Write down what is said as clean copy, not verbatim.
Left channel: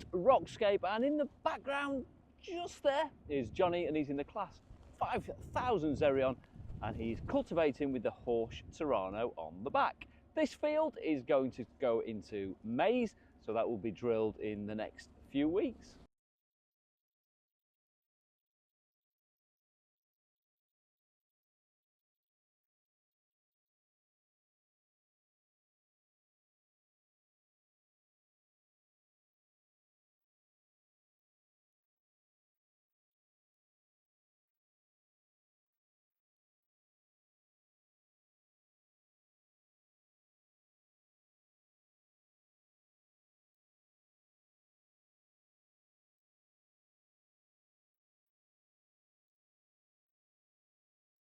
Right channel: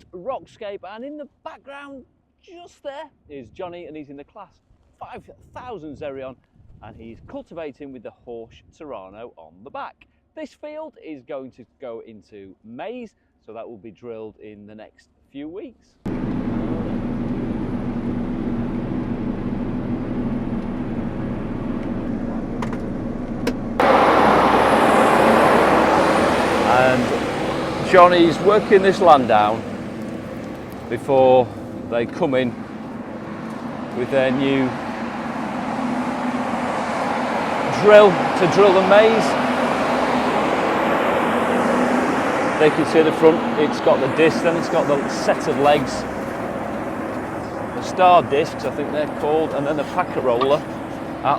at Rockscape, and in the background just there is Jonny, and he's in the CLAAS 5000 Xerion, and he's cultivating with the HORSCH Terrano on the back. This field is going to go into maize, so that will be drilled in the next few weeks. And Jonny's working this land down before they come in with their new drill to drill the maize. They can see the front, it's got the disc, then it's got the set of legs, the star discs I think they're called, and then the packet roller at